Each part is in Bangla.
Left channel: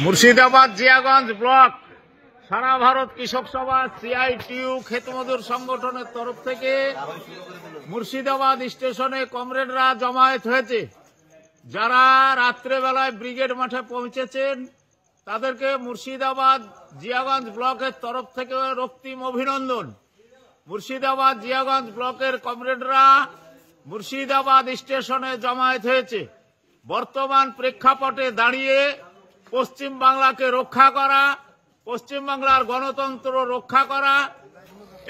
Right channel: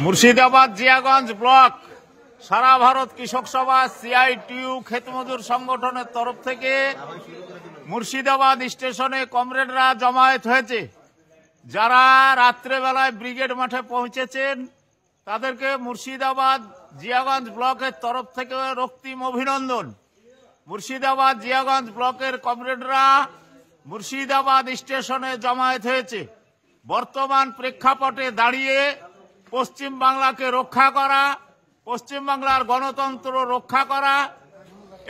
মুর্শিদাবাদ জিয়াগঞ্জ ব্লক সারা ভারত কৃষক সভা সিআইটিইউ ক্ষেতমজুর সংগঠনের তরফ থেকে মুর্শিদাবাদ স্টেশনে কমরেডরা জমায়েত হয়েছে। যারা রাত্রেবেলায় ব্রিগেড মাঠে পৌঁছেছেন তাদেরকে মুর্শিদাবাদ জিয়াগঞ্জ ব্লকের তরফ থেকে রক্তিম অভিনন্দন। মুর্শিদাবাদ জিয়াগঞ্জ ব্লকের কমরেডরা মুর্শিদাবাদ স্টেশনে জমায়েত হয়েছে। বর্তমান প্রেক্ষাপটে দাঁড়িয়ে পশ্চিম বাংলাকে রক্ষা করা, পশ্চিম বাংলার গণতন্ত্র রক্ষা করা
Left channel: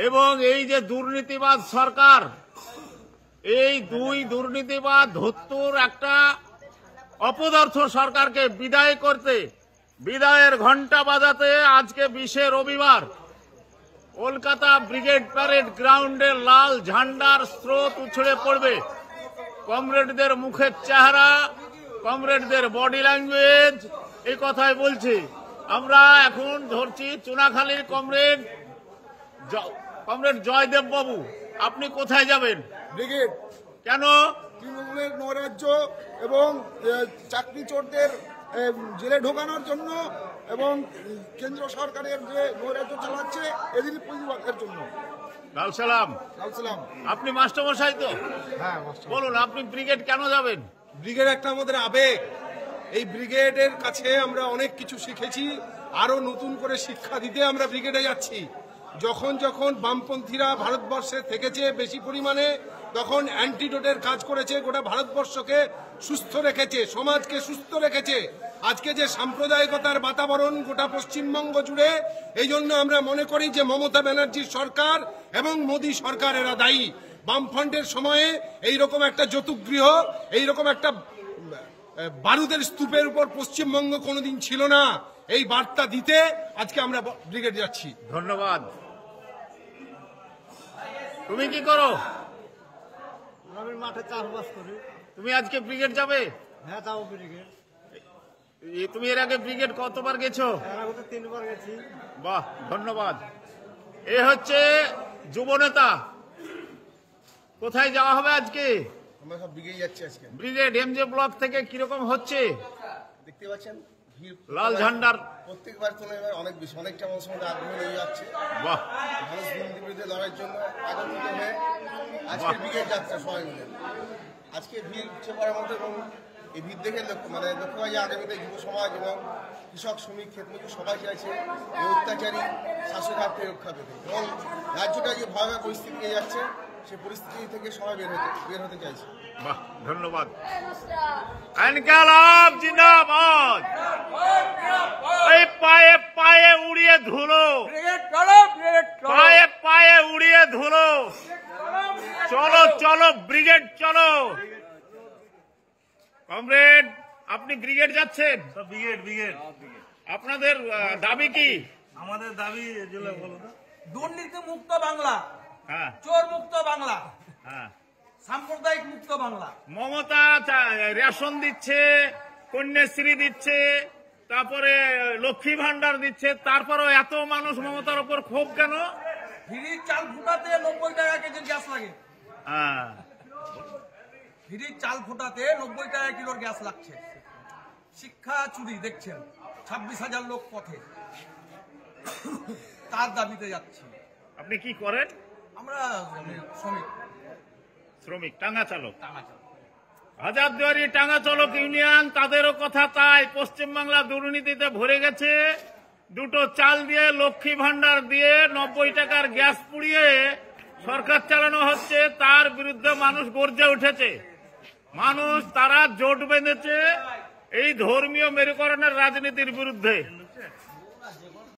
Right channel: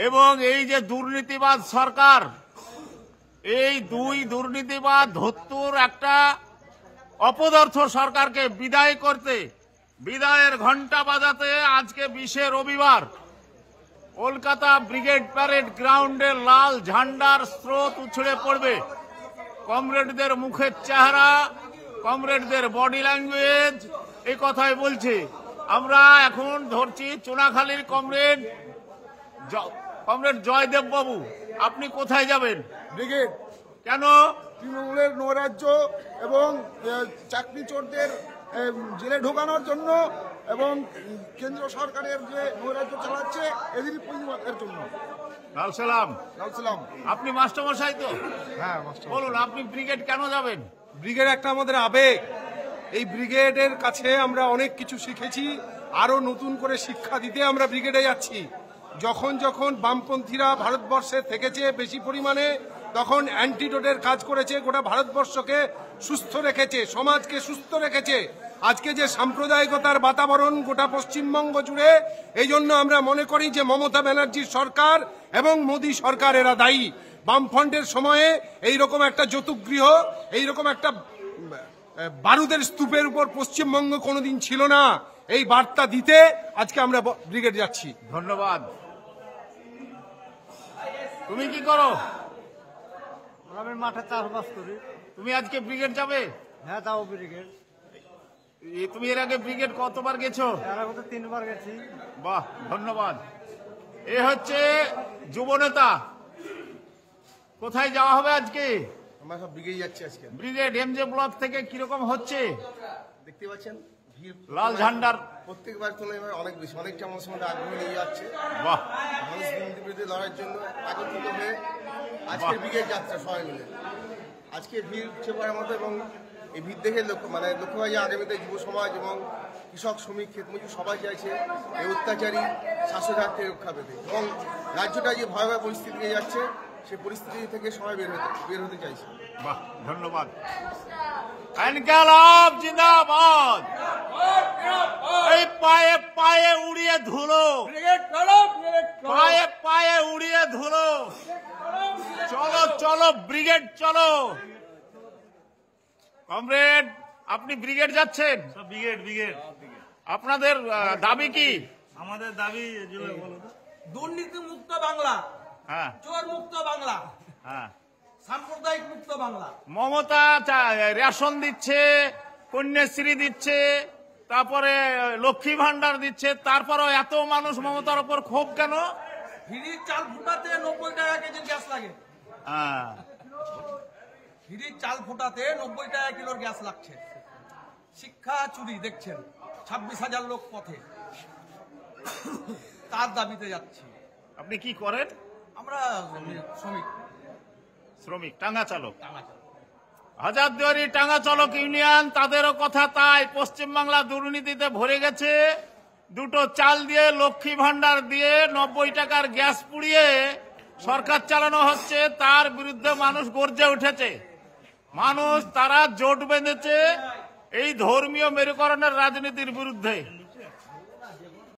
এবং এই যে দুর্নীতিবাদ সরকার, এই দুই দুর্নীতিবাদ ধত্তুর একটা অপদার্থ সরকারকে বিদায় করতে, বিদায়ের ঘণ্টা বাজাতে আজকে 20 রবিবার কলকাতা ব্রিগেড প্যারেড গ্রাউন্ডে লাল ঝান্ডার স্রোত উছড়ে পড়বে। কমরেডদের মুখের চেহারা, কমরেডদের বডি ল্যাঙ্গুয়েজ এই কথাই বলছে। আমরা এখন ধরছি চুনাখালীর কমরেড জয়দেব বাবু, আপনি কোথায় যাবেন? ব্রিগেড। কেন? তৃণমূলের নৈরাজ্য এবং চাকরি চোরদের জেলে ঢোকানোর জন্য এবং কেন্দ্র সরকারের যে নৈরাজ্য চালাচ্ছে এদের প্রতিবাদের জন্য। লাল সালাম। লাল সালাম। আপনি মাস্টারমশাই তো? হ্যাঁ মাস্টার। বলুন আপনি ব্রিগেড কেন যাবেন? ব্রিগেড একটা আমাদের আবেগ। এই ব্রিগেডের কাছে আমরা অনেক কিছু শিখেছি, আরো নতুন করে শিক্ষা দিতে আমরা ব্রিগেডে যাচ্ছি। যখন যখন বামপন্থীরা ভারতবর্ষে থেকেছে বেশি পরিমাণে, তখন অ্যান্টিডোটের কাজ করেছে, গোটা ভারতবর্ষকে সুস্থ রেখেছে, সমাজকে সুস্থ রেখেছে। আজকে যে সাম্প্রদায়িকতার বাতাবরণ গোটা পশ্চিমবঙ্গ জুড়ে, এই জন্য আমরা মনে করি যে মমতা ব্যানার্জির সরকার এবং মোদী সরকার এরা দায়ী। বামফ্রন্টের সময়ে এইরকম একটা যৌতুকগৃহ, এইরকম একটা বারুদের স্তূপের উপর পশ্চিমবঙ্গ কোনোদিন ছিল না। এই বার্তা দিতে আজকে আমরা ব্রিগেড যাচ্ছি। ধন্যবাদ। তুমি কি করো? আমি মাঠে চাষবাস করি। তুমি আজকে ব্রিগেড যাবে? হ্যাঁ যাবো ব্রিগেড। তুমি এর আগে ব্রিগেড কতবার গেছো? এর আগে তো 3 বার গেছি। বাহ, ধন্যবাদ। এ হচ্ছে যুবনেতা। কোথায় যাওয়া হবে আজকে? আমরা সব ব্রিগেড যাচ্ছি আজকে। ব্রিগেড এমজে ব্লক থেকে কিরকম হচ্ছে? দেখতে পাচ্ছেন ভিড় লাল ঝান্ডার প্রত্যেকবার তুলনায় অনেক বেশি, অনেকটা মানুষের মধ্যে আগ্রহ লেগে যাচ্ছে। বাহ, মানুষ দুর্নীতির বিরুদ্ধে লড়াইয়ের জন্য একত্রিত হয়ে আজকের ব্রিগেড যাত্রা সবাই মিলে। আজকে ভিড় উঠে পড়ার মতো এবং এই ভিড় দেখে লক্ষ্য হয় যে আগামীতে যুব সমাজ এবং কৃষক, শ্রমিক, ক্ষেতমজুর সবাই চাইছে এই অত্যাচারী শাসক হাত থেকে রক্ষা পেতে এবং রাজ্যটা যে ভয়াবহ পরিস্থিতি যাচ্ছে সেই পরিস্থিতি থেকে সবাই বের হতে চাইছে। বাহ, ধন্যবাদ। ইনকালাব জিন্দাবাদ। এই পায়ে পায়ে উড়িয়ে ধুলো, পায়ে পায়ে উড়িয়ে ধুলো। চলো চলো ব্রিগেড চলো। কমরেড, আপনি ব্রিগেড যাচ্ছেন? Brigade brigade. আপনাদের দাবি কি? আমাদের দাবি দুর্নীতি মুক্ত বাংলা, হ্যাঁ চোর মুক্ত বাংলা, হ্যাঁ, সাম্প্রদায়িক মুক্ত বাংলা। মমতা রেশন দিচ্ছে, কন্যাশ্রী দিচ্ছে, তারপরে লক্ষ্মী ভান্ডার দিচ্ছে, তারপরেও এত মানুষ মমতার উপর ক্ষোভ কেন? ফ্রির চাল ফুটাতে 90 টাকা কেজির গ্যাস লাগে। হ্যাঁ, ফ্রির চাল ফুটাতে 90 টাকা কিলোর গ্যাস লাগছে। শিক্ষা চুরি দেখছেন, 26,000 লোক পথে, তার দাবিতে যাচ্ছি। আপনি কি করেন? আমরা শ্রমিক, টাঙ্গা চালক। টাঙ্গা চালক। হাজারদুয়ারি টাঙ্গা চালক ইউনিয়ন, তাদেরও কথা তাই। পশ্চিমবাংলা দুর্নীতিতে ভরে গেছে। 2টো চাল দিয়ে, লক্ষ্মী ভান্ডার দিয়ে 90 টাকার গ্যাস পুড়িয়ে সরকার চালানো হচ্ছে। তার বিরুদ্ধে মানুষ গর্জে উঠেছে। মানুষ তারা জোট বেঁধেছে এই ধর্মীয় মেরুকরণের রাজনীতির বিরুদ্ধে।